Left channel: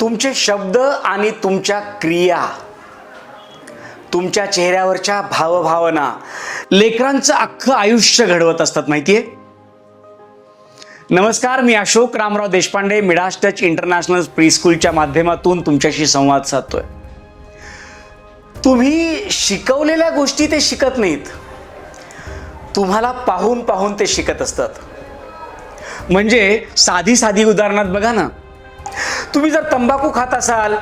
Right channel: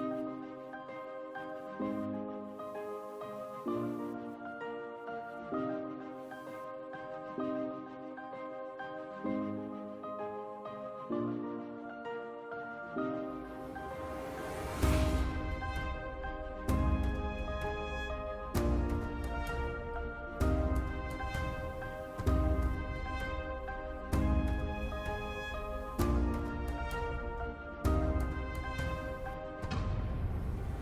तुमचे शब्द आणि तुमच्या क्रिया तुमच्या चेहऱ्यावरच्या भावभावना लेकरांचं अख्खं आयुष्य घडवत असतात माहितीये? नमस्कार मी Ashok Ramrao Deshpande Midas Touch International प्रीस्कूलच्या माध्यमातून तुमच्याशी संवाद साधतोय. तुम्ही शिकवलेल्या गोष्टी ते शिकत नाहीत. तुम्हाला पाहून पाहून ते शिकत असतात. म्हणजे साधी साधी उदाहरणात बघा ना. तुम्ही जर तंबाखू खात असाल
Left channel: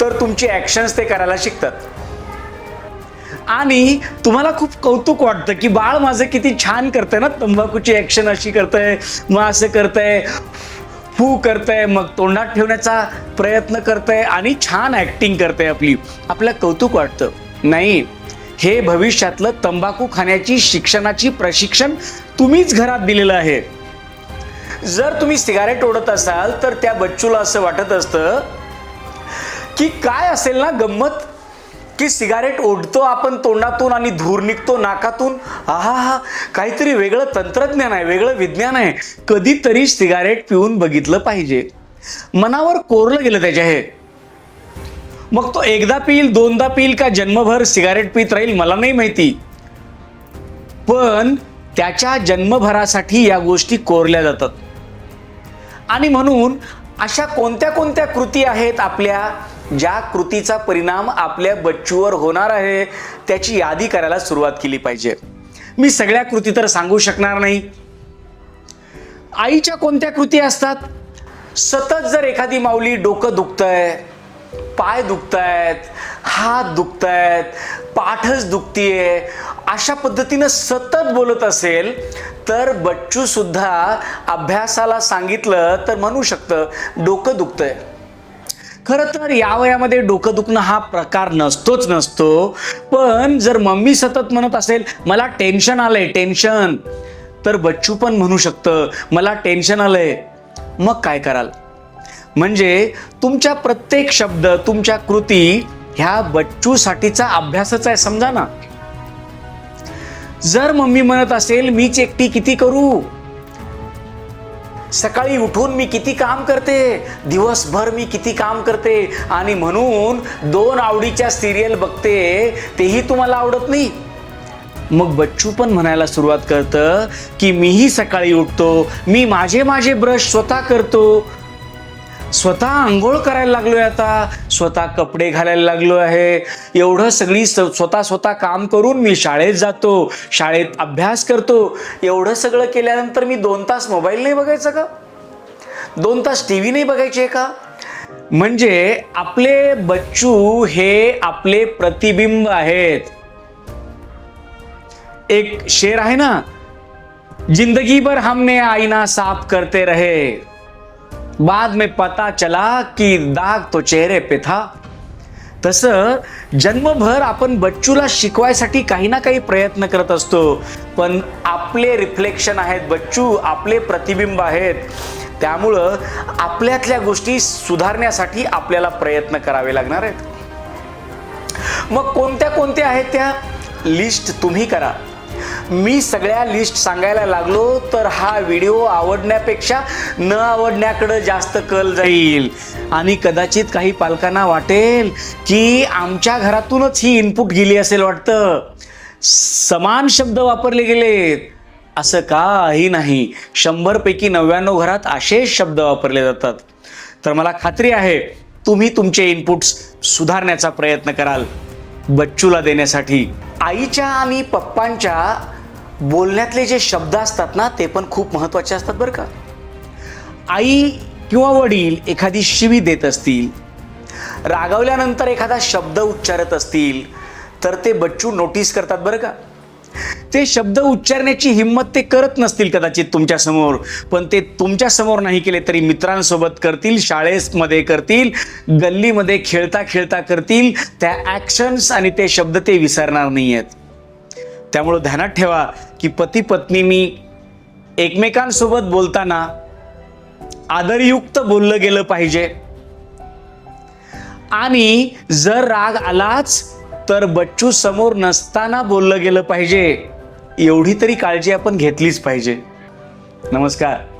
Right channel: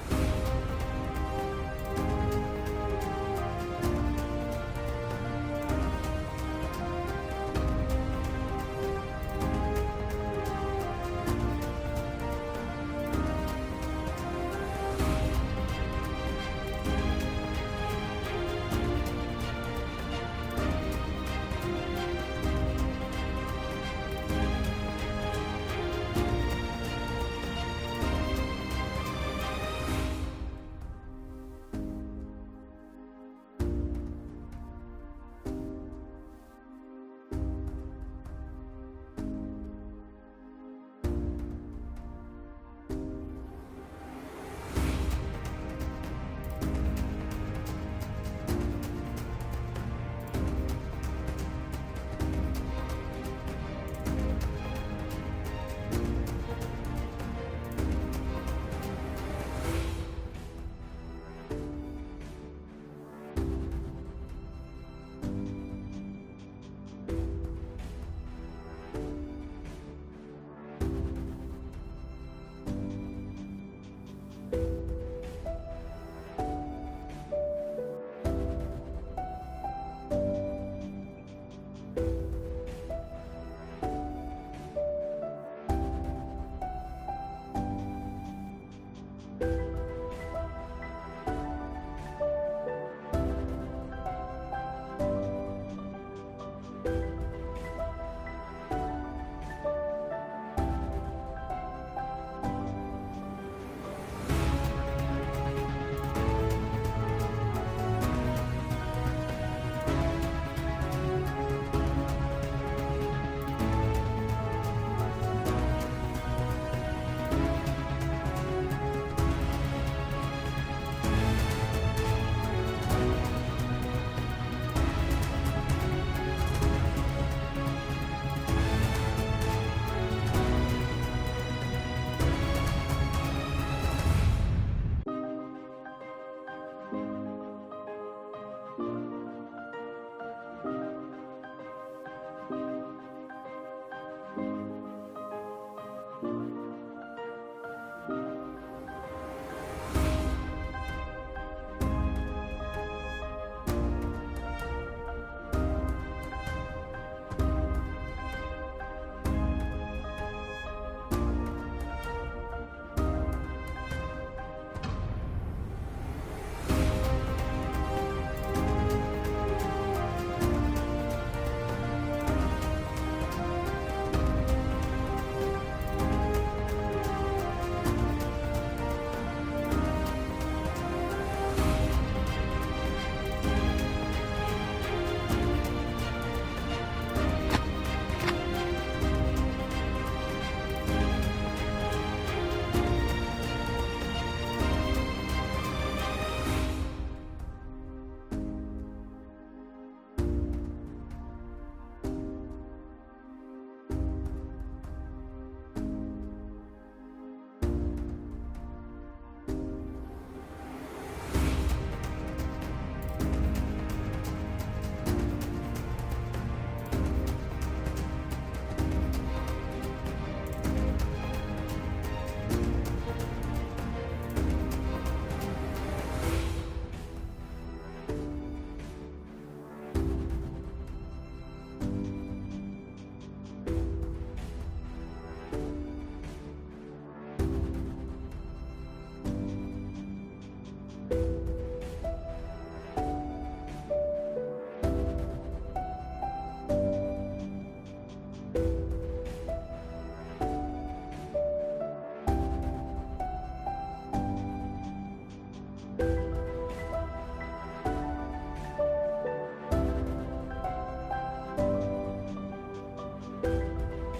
तर तुमची ॲक्शन्स ते करायला शिकतात. आणि तुम्हाला खूप कौतुक वाटतं की बाळ माझं किती छान करतंय ना तंबाखूची ॲक्शन अशी करतंय मग असं करतंय फू करतंय मग तोंडात ठेवण्याचा प्रयत्न करतंय आणि छान ॲक्टिंग करतंय आपली. आपलं कौतुक वाटतं. नाही हे भविष्यातलं तंबाखू खाण्याची शिक्षणाची प्रशिक्षण तुम्हीच घरात दिलेलं आहे. जर तुम्ही सिगारेट ओढत असाल तर त्या बच्चूला असं वाटत असतं की काय असेल ना गंमत? की सिगारेट ओढतो आपण तोंडातून आणि धूर निघतो नाकातून? आहा हा काहीतरी वेगळं तंत्रज्ञान आहे वेगळं विज्ञान आहे. कधीतरी सिगारेट पिऊन बघितलं पाहिजे. मनावर कोरलं गेलं त्याच्या हे. मग तो एकदा पिईल दोनदा पिईल का जन्मभर सिगारेट पित राहील मला नाही माहिती. पण त्याच्या जन्मभरासाठी या गोष्टी कोरल्या जातात. आणि म्हणून अशा कोणत्या कोणत्या कृती आहेत आपल्या ज्या कृतीचा परिणाम आपल्या बच्चूवर होणार आहे त्याची यादी करायला सुरुवात केली पाहिजे. मी सगळ्या कृती तर सांगू शकणार नाही. आईच्या कोणत्या कृती असतात? सतत जर एखादी माऊली डोकं दुखतंय पाय दुखतायत हात दुखतायत पाठच दुखतीये अशा पद्धतीनं सतत बोलत असेल तर बच्चू सुद्धा अभ्यासाला सांगितलं तर म्हणू शकतं डोकं दुखतंय. खरं तर या वयामध्ये डोकं दुखणं हा प्रकार नसतोच नसतो. पण जर मम्मी सतत म्हणत असेल मला टेन्शन आलंय टेन्शन तर बच्चू पण म्हणू शकतं मला टेन्शन आलंय. मग काय कराल? म्हणजे तुमच्या प्रत्येक शब्द तुमच्या कृती ह्या बच्चूसाठीचा अभ्यासच आहे समजा ना. जर मम्मी म्हणत असेल मीच एकटी किती करू? सकाळी उठून मी किती काम करते? दिवसभर मी किती काम करते? आणि म्हणून दोन आवडीच्या सिरियल बघते तेही तुम्हाला आवडत नाही. मग बच्चू पण म्हणायला सुरुवात करतं की मीही सकाळी उठतो मी माझे माझे ब्रश स्वतः करतो स्वतः आंघोळ करायला लागलोय आता स्वतः कपडे घालायला लागलो आहे. एवढं सगळी स्वतः स्वतः काम करून मी शाळेत जातो शाळेत अभ्यास करतो. एवढं सगळं केल्यानंतर मी दोन तास मोबाईल नाही बघायचा का? दोन तास टी व्ही नाही बघायचे का? म्हणजे आपले बच्चू हे आपले प्रतिबिंब आहेत. एक शेर आहे ना जिंदगी भर हमने आईना साफ करते रहे. बाद में पता चला की दाग तो चेहरे पे था। तसं जन्मभर आपण बच्चूला शिकवायसाठी काही ना काही प्रयत्न करत असतो. पण आपले रिफ्लेक्शन आहेत बच्चू आपले प्रतिबिंब आहेत. त्यामुळं आपल्यातल्या गोष्टी सुधारण्यासाठी आपल्याला प्रयत्न करावे लागणार आहेत. मग कोणत्या कोणत्या आहेत त्या? लिस्ट तुम्ही करा. मी सगळ्या लिस्ट सांगायला लागलो तर हा व्हिडिओ आवडण्यापेक्षा न आवडण्याकडे जास्त कल जाईल. आणि कदाचित काही पालकांना वाटेल की आमच्या घरातूनच ही इनपुट गेली असेल वाटतं. समान शब्द वापरले गेलेत. असं काही नाही. शंभरपैकी नव्याण्णव घरात असेच शब्द वापरले जातात. तर मला खात्री आहे तुम्ही तुमचे इनपुट्स सुधारण्याचा प्रयत्न कराल. बच्चूला देण्यासाठी. आईच्या आणि पप्पांच्या बोलण्यातले जे शब्द असतात ना ते पण खूप महत्त्वाचे असतात बरं का. आई किंवा वडील एखादी शिवी देत असतील रागावल्यानंतर एखादा शब्द उच्चारत असतील तर ते बच्चू नोटीस करतात बरं का. ते शब्द उच्चारण्याची हिंमत ते करत नसतील कदाचित तुमच्यासमोर पण ते तुमच्यासमोर नाही केले तरी मित्रांसोबत करतील शाळेमध्ये करतील गल्लीमध्ये खेळता खेळता करतील त्या ॲक्शन्स आणि ते शब्द ते विसरणार नाही आहेत त्यामुळं ध्यानात ठेवा की पती पत्नीनी एकमेकांसोबत बोलताना आदरयुक्त बोललं गेलं पाहिजे. आणि जर राग आलाच तर बच्चू समोर नसताना बोललं गेलं पाहिजे. एवढी तरी काळजी आपण घेतलीच पाहिजे. नमस्कार.